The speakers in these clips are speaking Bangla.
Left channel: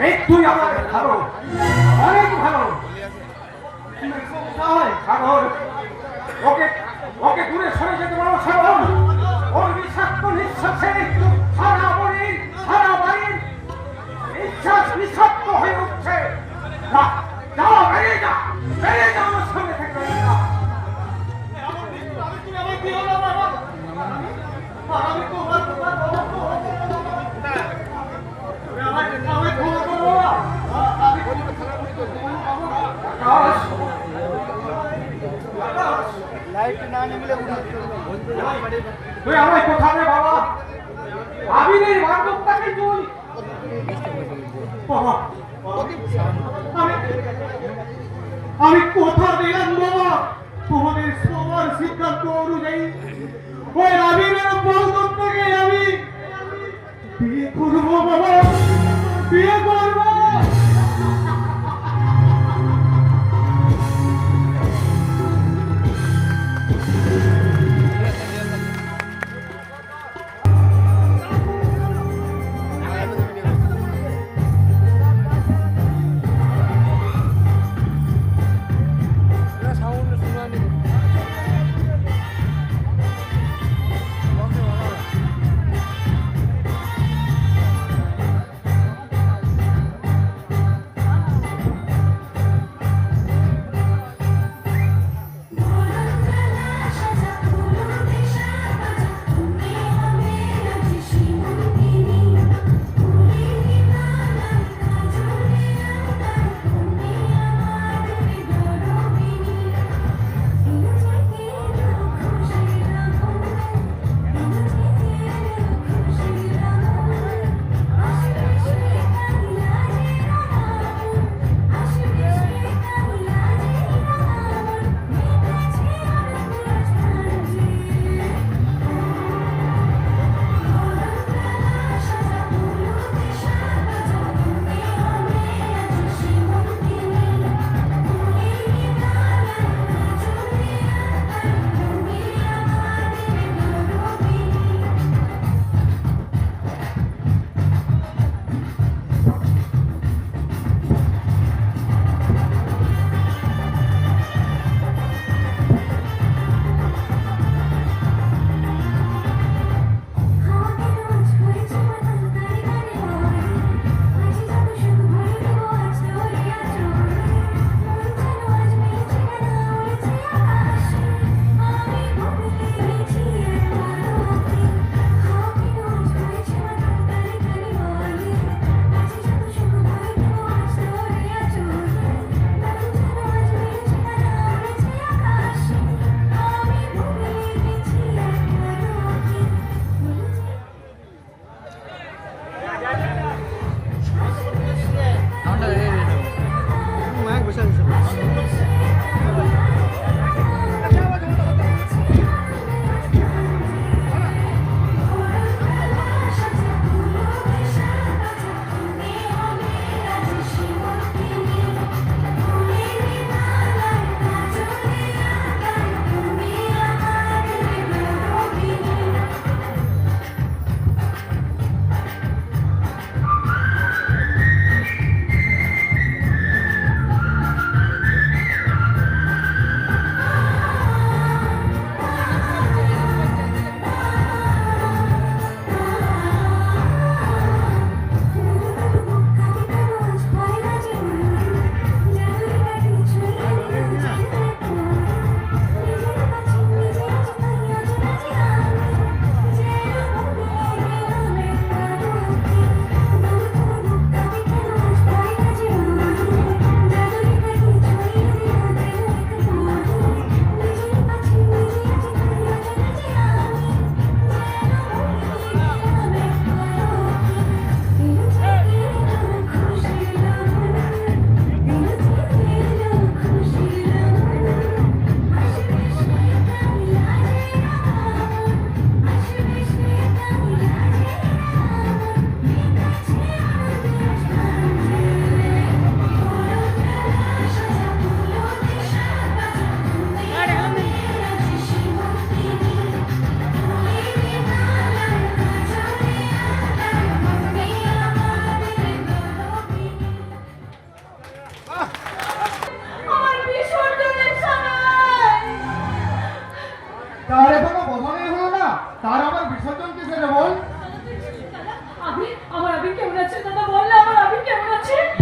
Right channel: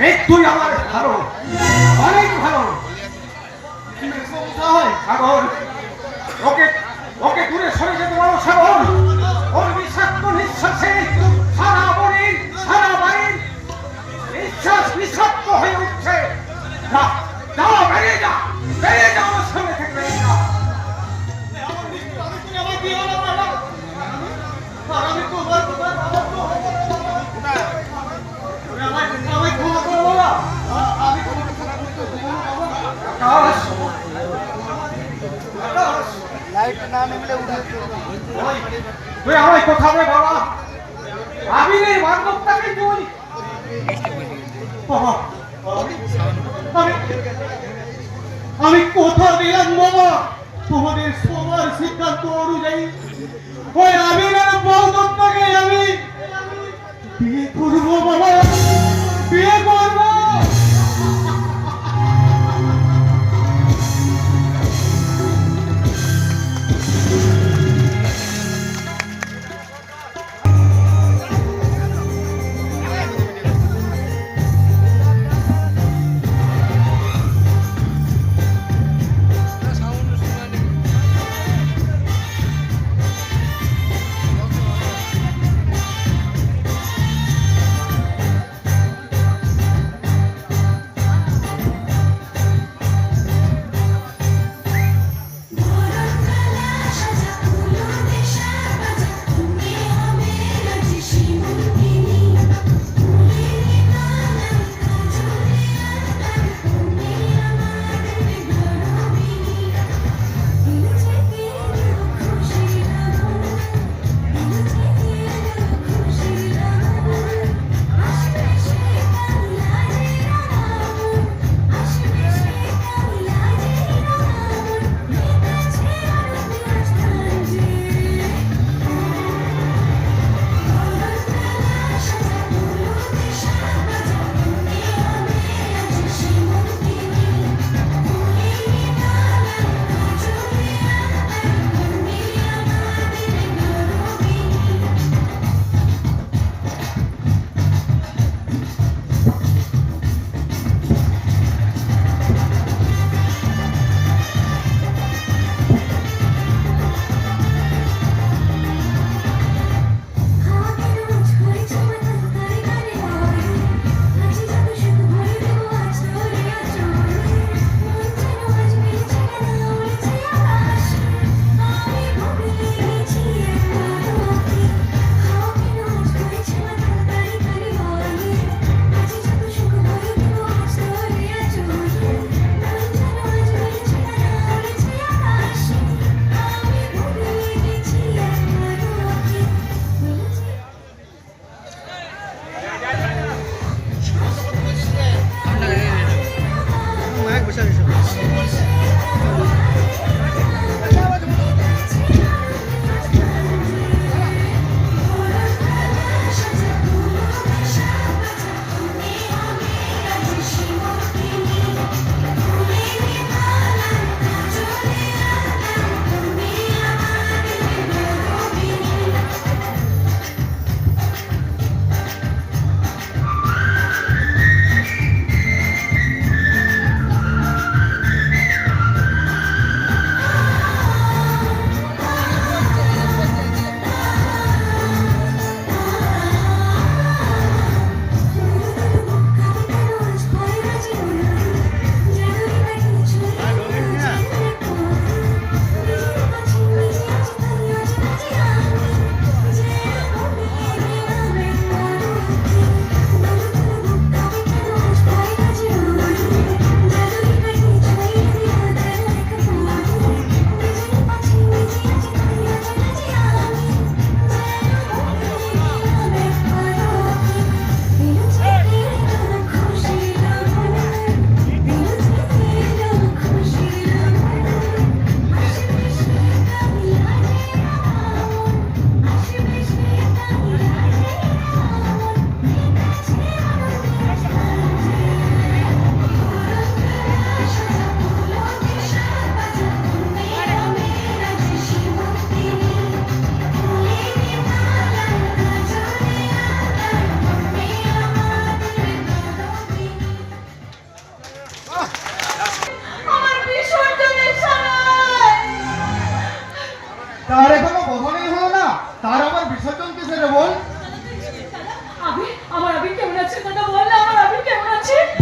মৃত্যুই আমার ভালো, অনেক ভালো। সাগর, ওকে ওকে দূরে সরে যেতে বলো সাগর। ওর বিষাক্ত নিঃশ্বাসে সারা বড়ির সারা বাড়ির নিঃশ্বাস বিষাক্ত হয়ে উঠছে। যাও, বেরিয়ে যা, বেরিয়ে যা, আমার সামনে থেকে বেরিয়ে যা। তুই আমায় কথা দে বাবা, আবিরের বান্ধবটাকে তুই বাবা, আমি কথা দিলাম বাবা, তোমাদের সবার সিদ্ধান্ত অনুযায়ী ওই আবিরের বান্ধবটাকে আমি বিয়ে করবো বাবা, বিয়ে করবো।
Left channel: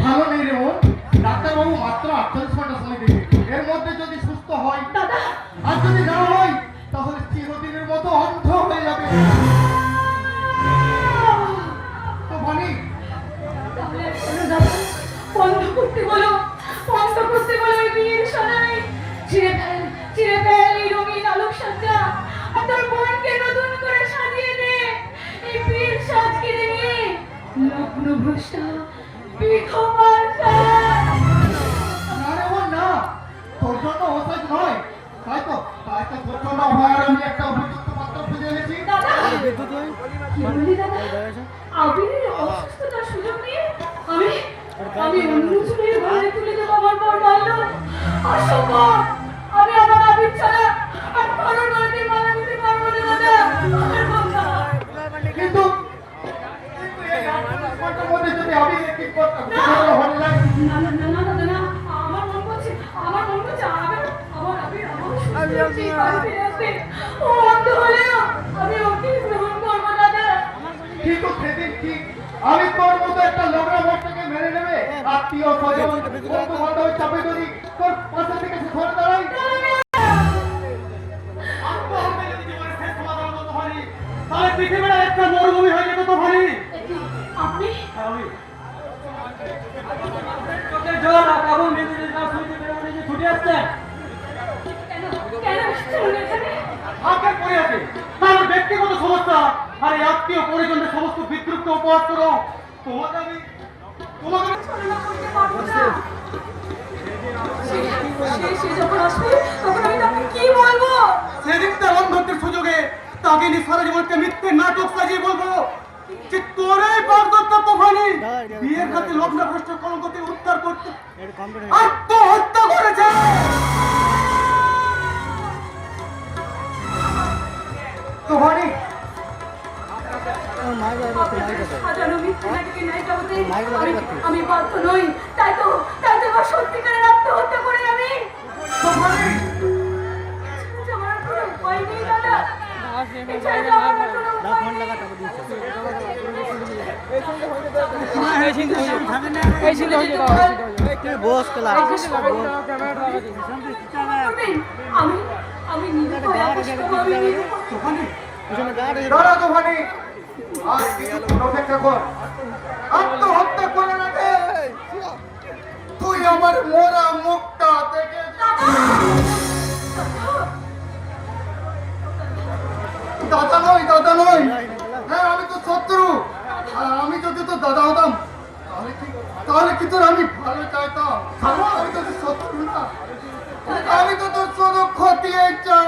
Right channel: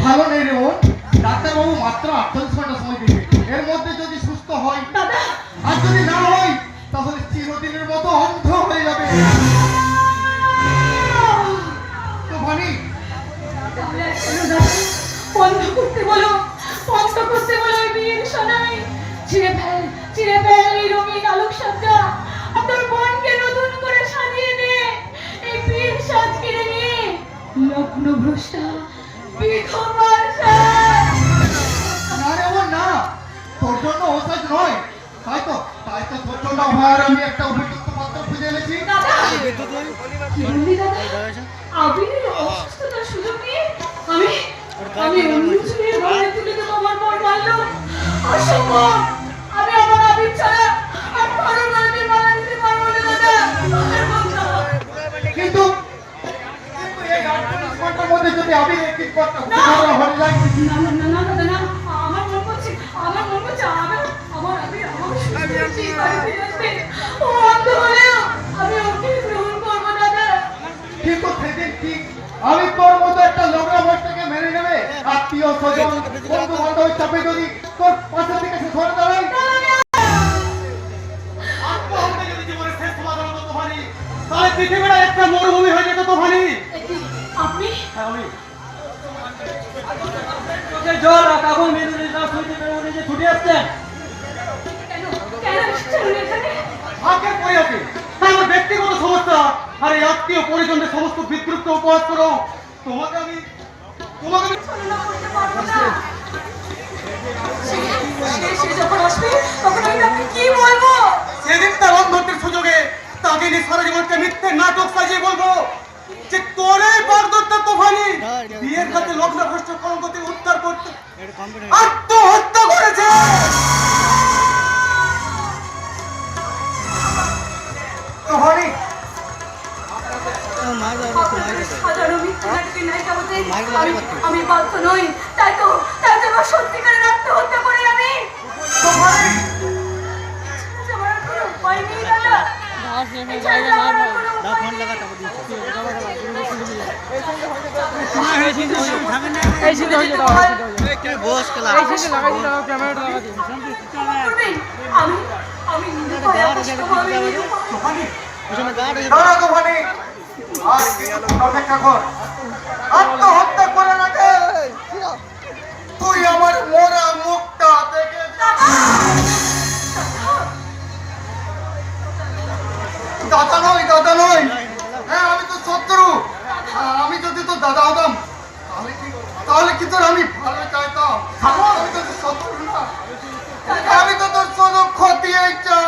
ভালো নেই রে বোন। ডাক্তারবাবু মাত্র 48 ঘন্টা সময় দেবে। এর মধ্যে যদি সুস্থ হয় দাদা আর যদি না হয় তাহলে চিরদিনের মতো অন্ধ হয়ে যাবে। তো ভানি তাহলে শোনো দাদা, বন্ধ করতে বলো, বন্ধ করতে বলো এই বিয়ের সময়। চিরে ফেল এই রঙিন আলোকসজ্জা। আর তোর বোনকে নতুন করে সাজিয়ে দে। এই বিয়ের সাজ কেড়ে নিয়ে লগ্ন ভ্রষ্টা বিধবার সাজ। না রে বোন না, তোর জন্য ওষুধ নয়। তাই তো তোর জন্য আমার আমি একটা উপযুক্ত পাত্র খুঁজে এনেছি। দাদা কি বললি দাদা? আবিরের অসুস্থতার সুযোগ নিয়ে আমি অন্য ছেলের গলায় তুলে তো তোমার পর মারলো। অসম্ভব। আমি আমার আবির ছাড়া আর কারো বাড়িতে মারা দিতে পারবো না দাদা। কিন্তু এই 48 ঘন্টার মধ্যে যদি আমি একটি কথা হয়ে যায় না না না দাদা না, আমার মন করছে আমার আবির আমার সুস্থ বাড়িতে আসবে। ও অন্ধ হলেও আমি ওকে গ্রহণ করবো দাদা। কিন্তু সেদিন কি আমি তোর মতো একটা লগা ভক্তকে মেরে নেবে? আত্মীয় স্বজন বন্ধু বান্ধব চাপে যদি তোর পাশে থেকে সে ধরে দাঁড়ায়, আত্মহত্যা যদি জীবনের শেষ সমাধান হতো তোফানি, তাহলে পৃথিবীটা একটা মরুভূমি হয়ে যেত তোফানি। আপনি চোখে জল আর কাবুল মেদিনীর রাত হইতে বেরোনে যে ছুটে আসছেন কেন এসেছেন এখানে? হাতের পরে আছে আমার ব্যক্তিগত সমস্যা আর এই আত্মীয় পরিজনদের সমস্ত বিদ্রুপ্ত উপহাস করো। তোমাকে আমি সে যখন আসবে তখন আমি তাকে কি বলবো? সেদিন তার অন্ধত্বের সুযোগে তাকে নিয়ে সারা জীবনকে মিথ্যে নাটক সাজিয়ে বলবো যে তোর এই পারদর্শিতা তোফানি বিয়ের রাতে লগ্ন ভ্রষ্ট কলঙ্কতে উদ্ধার করতে আত্মহত্যা করেছে। তোফানি হাজারো মিথ্যা নাটকের নায়িকা হতে আমি বাধ্য নই। তাই তো আমার সত্যিকারের আত্মহত্যা করে আমি তোফানি আমার কোনো উপায় নেই দাদা। এছাড়া আমার কোনো নেই। আমি নিজে দাঁড়া তোফানি, আর কিছু অপেক্ষা কর। আত্মহত্যা করে না দে, তুই আমার মোরা মুখটা দেখে দাদা নয় হ্যাঁ আমি তো শত্রু। আমি যদি তোর দাদা হতাম তাহলে কি তোর আমি ভালো চাইতাম? আমি তো তোর শত্রু না, আমি তো তোর শুধু ক্ষতি চাই।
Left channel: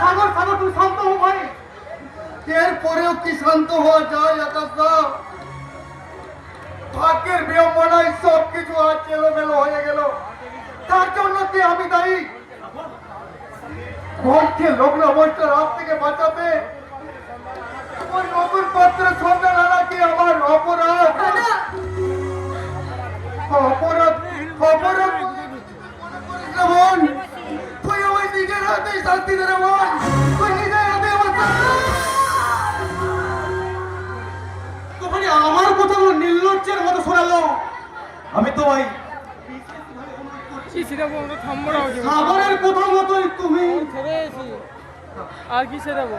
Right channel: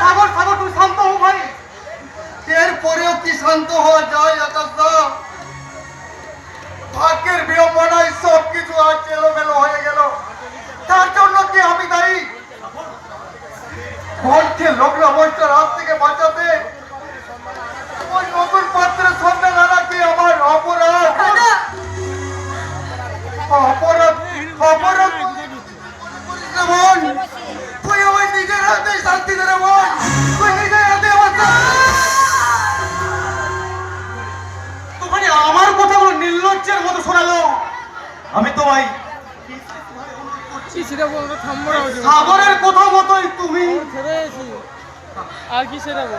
সাগর তুই শান্ত হো ভাই। এরপরেও কি শান্ত হওয়া যায়? আকাশদা, ভাগ্যের বিড়ম্বনায় সব কিছু আজ এলোমেলো হয়ে গেল। তার জন্য কি আমি দায়ী? বোনকে লগ্ন অবস্থার হাত থেকে বাঁচাতে ওই নতুন পাত্রের সন্ধান আনা কি আমার অপরাধ? অপরাধ বোন, তুই আমার নিজের হাতে শান্তি দে রে বোন, তুই নিজের হাতে আমার তোফানি আমার কথাগুলো নির্লজ্জের মতো শোনালো। আমি তো ভাই সাগরের কথা মতোই তুমি আর কি ছেড়াবো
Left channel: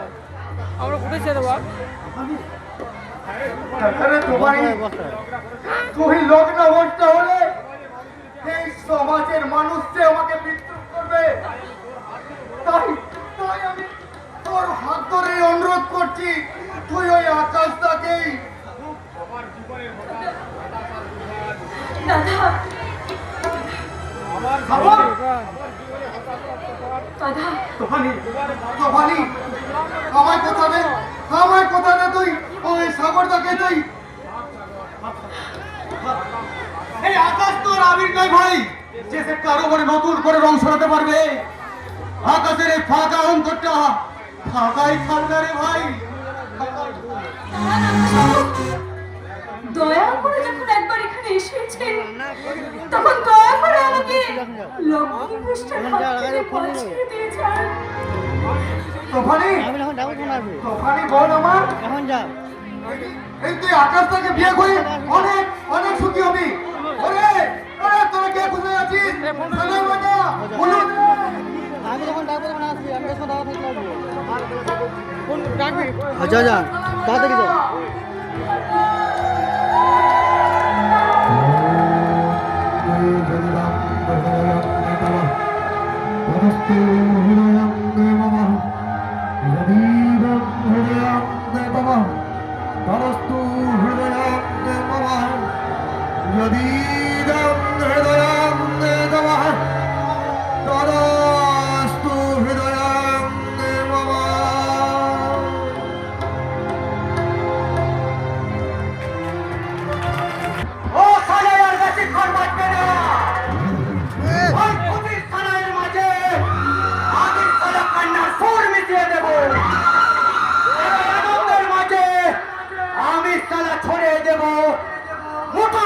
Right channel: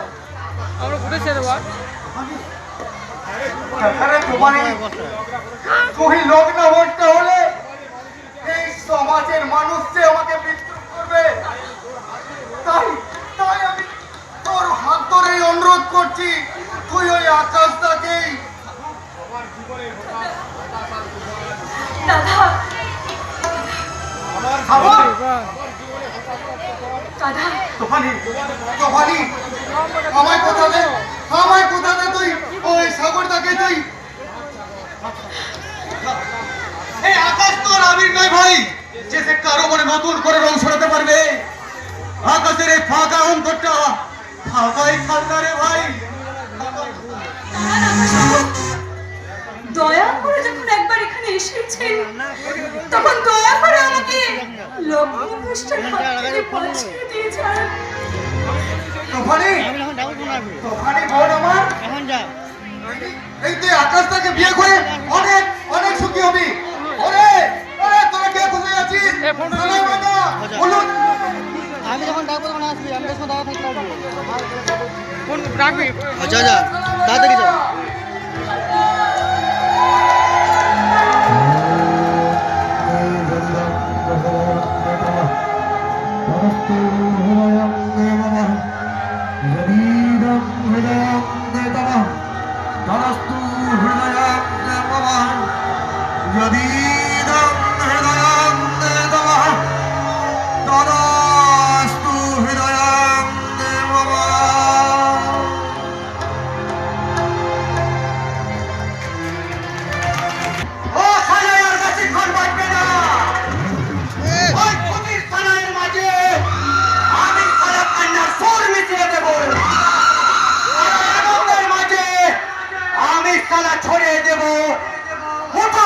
আমরা কোথায় ছেড়াবো তুই লগ্ন অবস্থা হলে এই সমাজের মানুষ যে আমাকে বিদ্রুপ করবে, তাই তাই আমি তোর হাত ধরে অনুরোধ করছি, তুই ওই আকাশটাকেই দাদা তোফানি তোফানি আমায় কোথা দে তুই ওই সাগরটাকে তুই। এই আকাশ তোর আবির নয় ভাই যে সে কারো মনে নতুন করে রং সরাতে পারবে। আকাশের এই ফাঁকা অন্তরটা ফাঁকাই থাকবে রে ভাই। দয়া করে যখন একবার এখানে এসেছেন তখন দয়া করে আমাকে লগ্নভ্রষ্টের হাত থেকে বাঁচিয়ে দিয়ে যান। তোফানি বোন আমার, এই তুই আকাশটাকে বিয়ে করে অনেক অনেক সুখী হবি। ফোন সানাই বাবা, বলুন। আমি যখন ডাকবো তখন আসবি, আমি যখন দাদা থাকলে আসবো। ফোন রাখবি আচ্ছা যা তাড়াতাড়ি যাও। ও সানাইয়ের বেশিক্ষণ বাঁচবে না। ওই খুনির সানাইয়ের মাঝে আমি সারা কান্নার সুর মিশিয়ে দেব। আর আনন্দের মাঝে আমি সালা ছড়িয়ে দেব মুঠো